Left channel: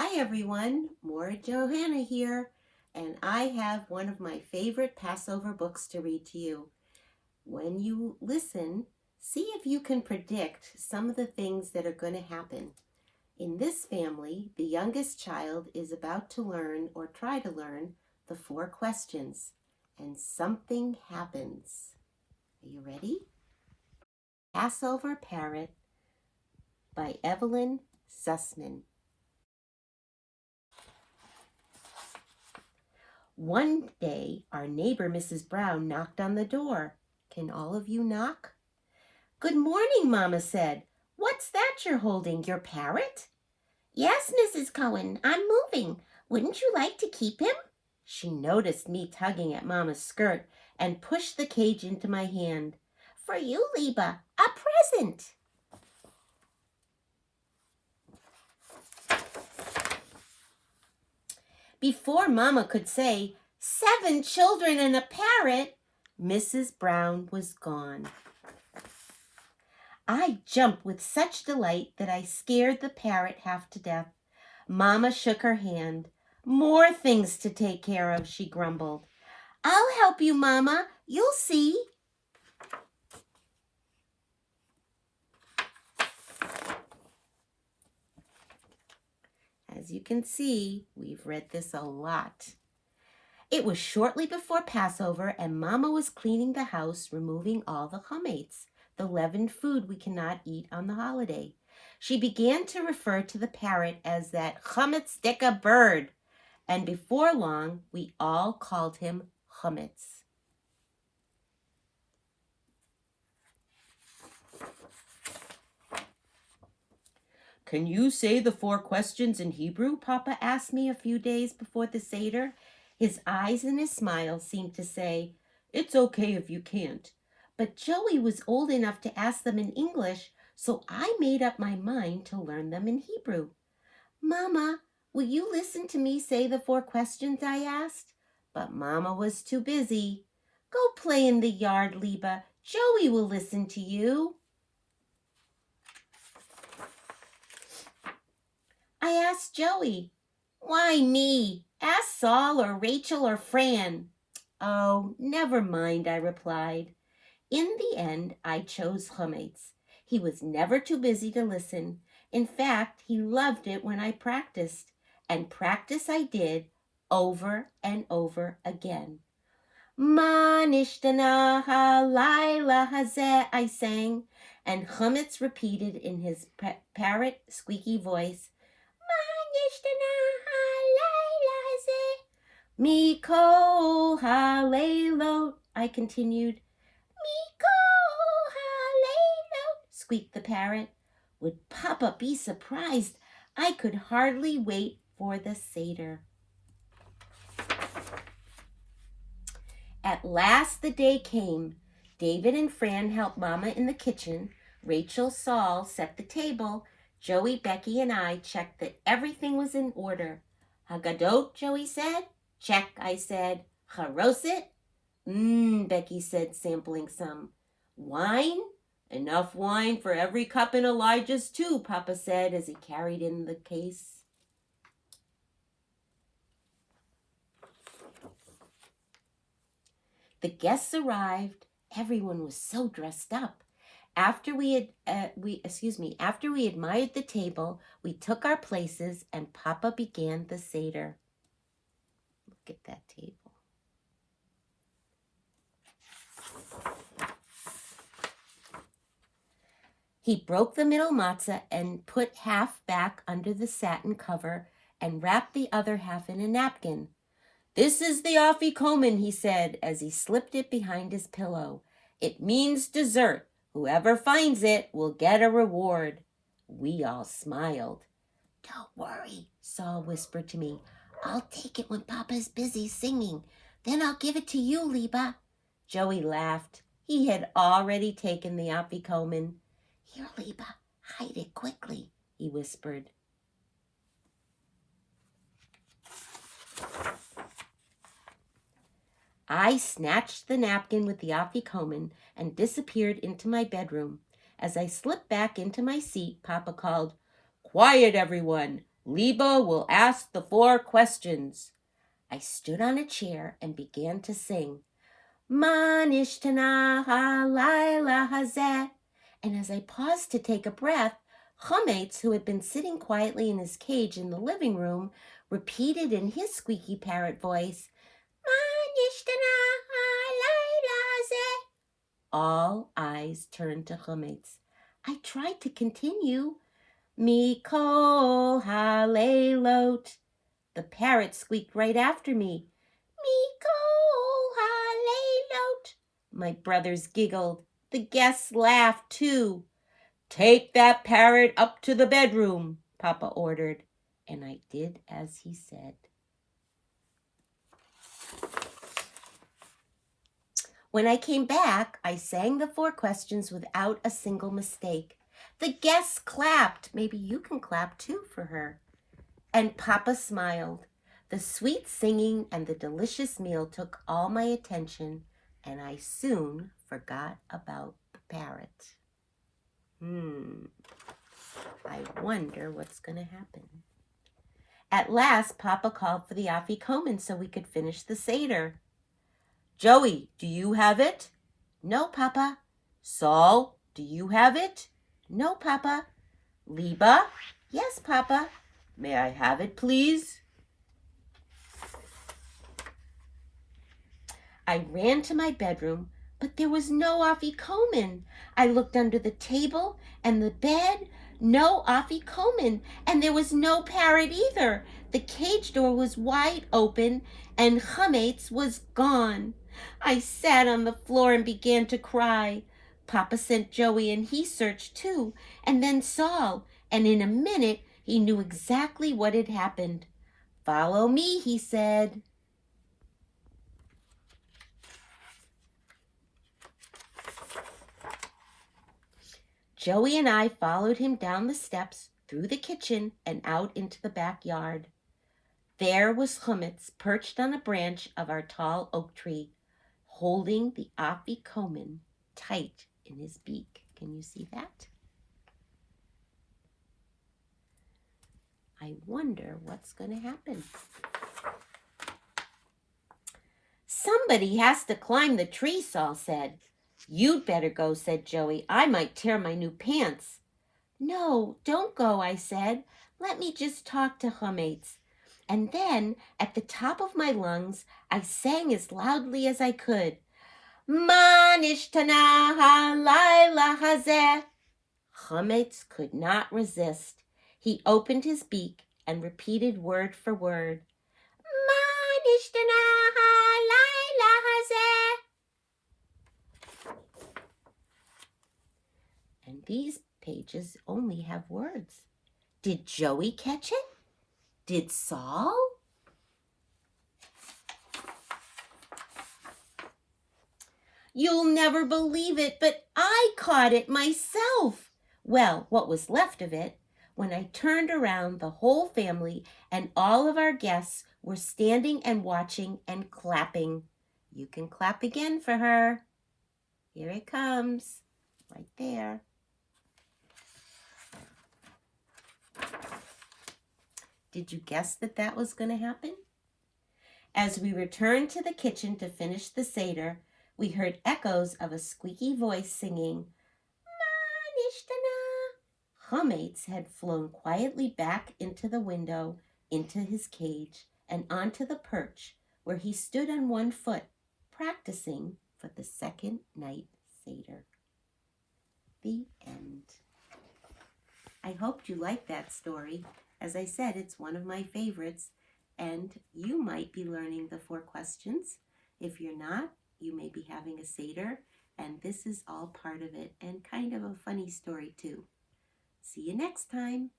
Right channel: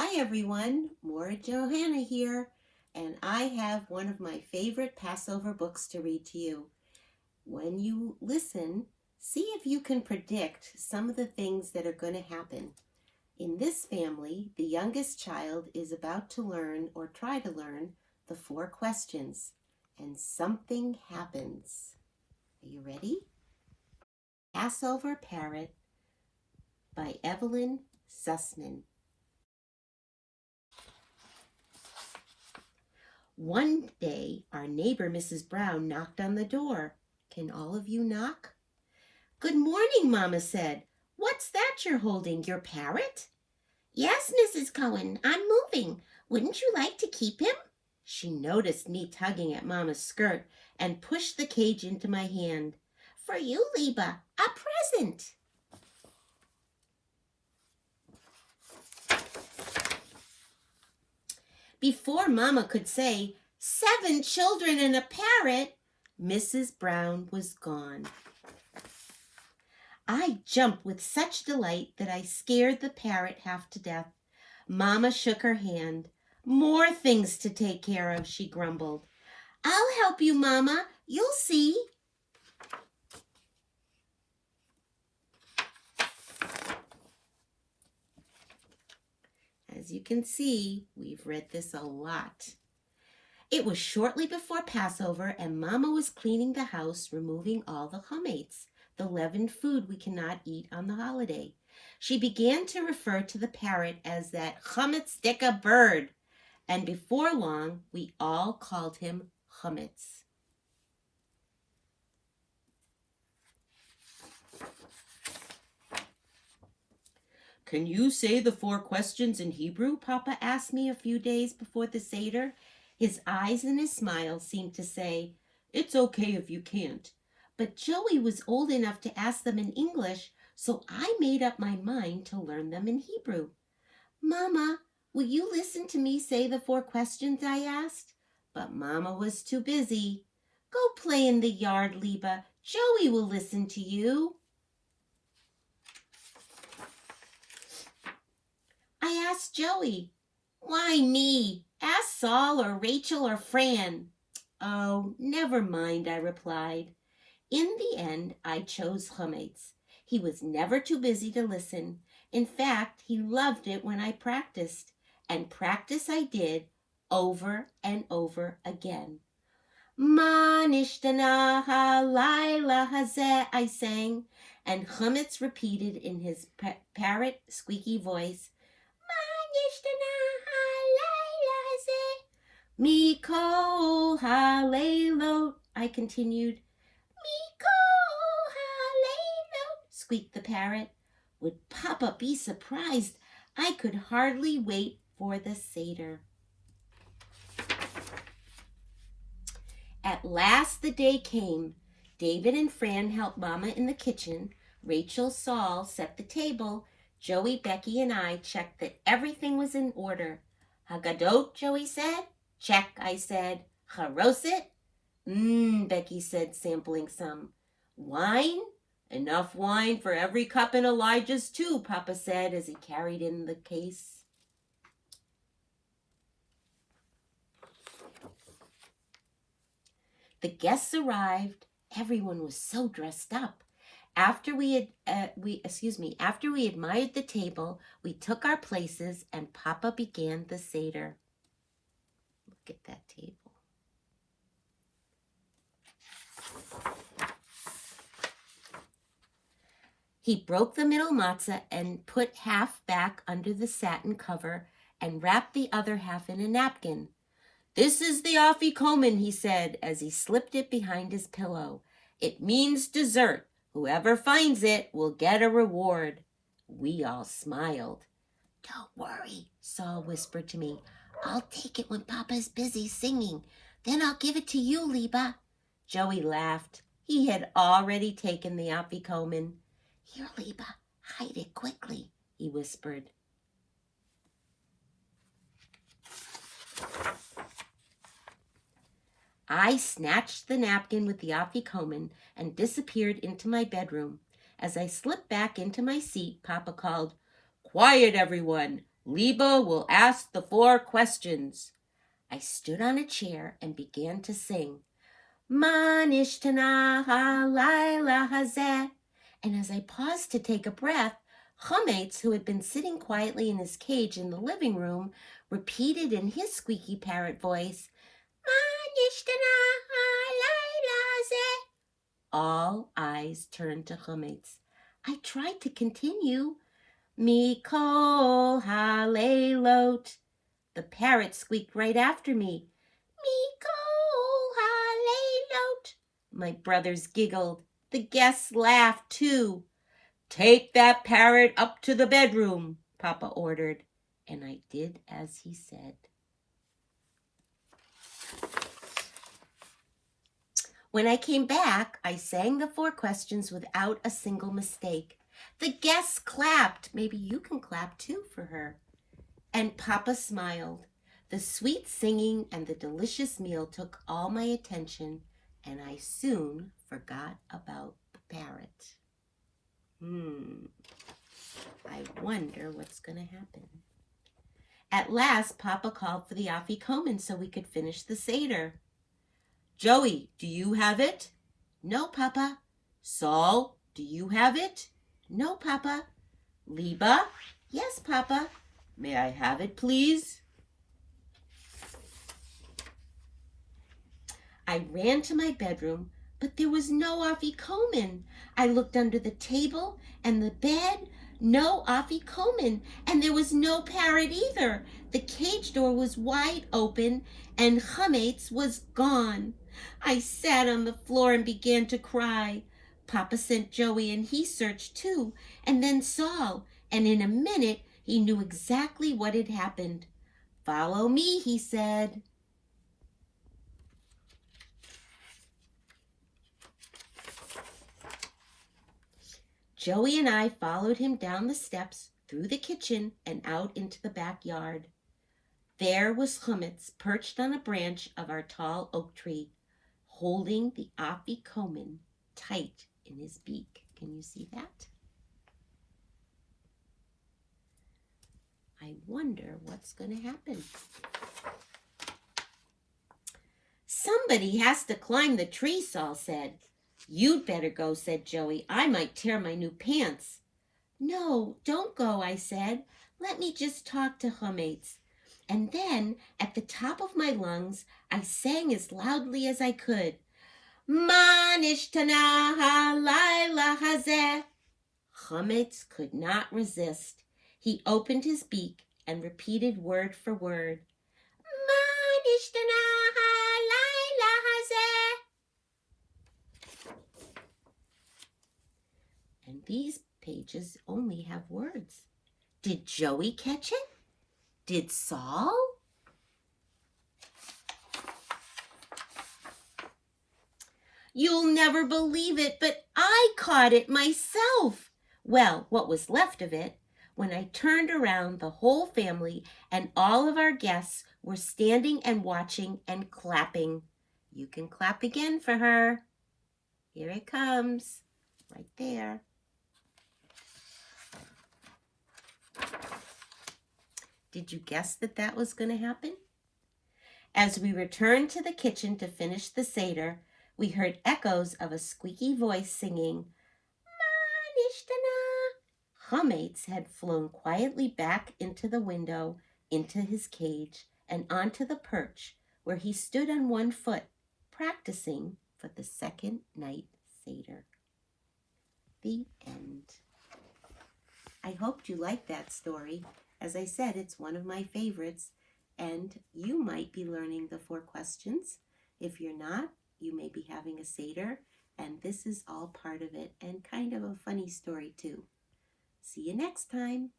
Hi everyone, more Johanna here, and I have one of my favorite Passover books to read to you. When you listen, see if you can predict some of the things that are going to happen. In this family, the youngest child is about to learn or try to learn the 4 questions, and something happens. Are you ready? Passover Parrot by Evelyn Sussman. One day, our neighbor, Mrs. Brown, knocked on the door. Can all of you knock? Good morning, Mama said. What's that you're holding, your parrot? Yes, Mrs. Cohen, I'm moving. Wouldn't you like to keep him? She noticed me tugging at Mama's skirt and pushed the cage into my hand. For you, Liba, a present. Before Mama could say, 7 children and a parrot, Mrs. Brown was gone. I jumped with such delight that I scared the parrot half to death. Mama shook her hand. More things to take care of, she grumbled. I'll help you, Mama. You'll see. As you can see, we've read this a lot. It was shortly before Passover, and Mama was cleaning the house, removing all the chametz, the leavened food we cannot eat on the holiday. She began to refer to the parrot as that chametz-dicka bird, and before long, we all called him chametz. Can you say the 4 questions in Hebrew? Papa asked me a few days before the Seder. His eyes and his smile seemed to say, it's okay if you can't. But Joey was old enough to ask them in English, so I made up my mind to learn them in Hebrew. Mama, will you listen to me say the 4 questions I asked? But Mama was too busy. Go play in the yard, Liba. Joey will listen to you. I asked Joey. Why me? Ask Saul or Rachel or Fran. Oh, never mind, I replied. In the end, I chose chametz. He was never too busy to listen. In fact, he loved it when I practiced. And practice I did over and over again. Ma nishtana halayla hazeh, I sang, and chametz repeated in his parrot squeaky voice. Mikol haleilot, I continued. Mikol haleilot, squeaked the parrot. Would Papa be surprised? I could hardly wait for the Seder. At last the day came. David and Fran helped Mama in the kitchen. Rachel, Saul set the table. Joey, Becky, and I checked that everything was in order. Hagadot, Joey said. Check, I said. Charoset? Becky said, sampling some. Wine? Enough wine for every cup in Elijah's too, Papa said as he carried in the case. The guests arrived. Everyone was so dressed up. After we admired the table, we took our places and Papa began the Seder. Look at that table. He broke the middle matzah and put half back under the satin cover and wrapped the other half in a napkin. This is the afikomen, he said as he slipped it behind his pillow. It means dessert. Whoever finds it will get a reward. We all smiled. Don't worry, Saul whispered to me. I'll take it when Papa's busy singing. Then I'll give it to you, Liba. Joey laughed. He had already taken the afikomen. Here, Liba, hide it quickly, he whispered. I snatched the napkin with the afikomen and disappeared into my bedroom. As I slipped back into my seat, Papa called, Quiet, everyone. Liba will ask the 4 questions. I stood on a chair and began to sing. Manishtana halayla hazeh. And as I paused to take a breath, Chametz, who had been sitting quietly in his cage in the living room, repeated in his squeaky parrot voice, Manishtana halayla hazeh. All eyes turned to Chametz. I tried to continue. Mikol halaylot. The parrot squeaked right after me. Mikol halaylot. My brothers giggled. The guests laughed too. Take that parrot up to the bedroom, Papa ordered, and I did as he said. When I came back, I sang the 4 questions without a single mistake. The guests clapped. Maybe you can clap too for her. And Papa smiled. The sweet singing and the delicious meal took all my attention, and I soon forgot about the parrot. I wonder what's going to happen. At last, Papa called for the afikoman so we could finish the Seder. Joey, do you have it? No, Papa. Saul, do you have it? No, Papa. Liba? Yes, Papa. May I have it, please? I ran to my bedroom, but there was no afikoman. I looked under the table and the bed, no afikoman, and there was no parrot either. The cage door was wide open, and Chametz was gone. I sat on the floor and began to cry. Papa sent Joey, and he searched too, and then Saul, and in a minute he knew exactly what had happened. Follow me, he said. Joey and I followed him down the steps, through the kitchen, and out into the backyard. There was Chametz perched on a branch of our tall oak tree, holding the afikoman tight in his beak. Can you see that? I wonder what's going to happen. Somebody has to climb the tree, Saul said. You'd better go, said Joey. I might tear my new pants. No, don't go, I said. Let me just talk to Chametz. And then, at the top of my lungs, I sang as loudly as I could. Manishtana halayla hazeh. Chametz could not resist. He opened his beak and repeated word for word. Manishtana halayla hazeh. And these pages only have words. Did Joey catch it? Did Saul? You'll never believe it, but I caught it myself. Well, what was left of it. When I turned around, the whole family and all of our guests were standing and watching and clapping. You can clap again for her. Here it comes, right there. Did you guess that was going to happen? As we returned to the kitchen to finish the Seder, we heard echoes of a squeaky voice singing, Manishtana. Chametz had flown quietly back into the window, into his cage, and onto the perch, where he stood on one foot, practicing for the second night Seder. The end. I hoped you liked that story. As I said, it's one of my favorites, and you might be learning the 4 questions. If you're not, you may be having a Seder, and this is all part of it, and kind of a funny story too. See you next time.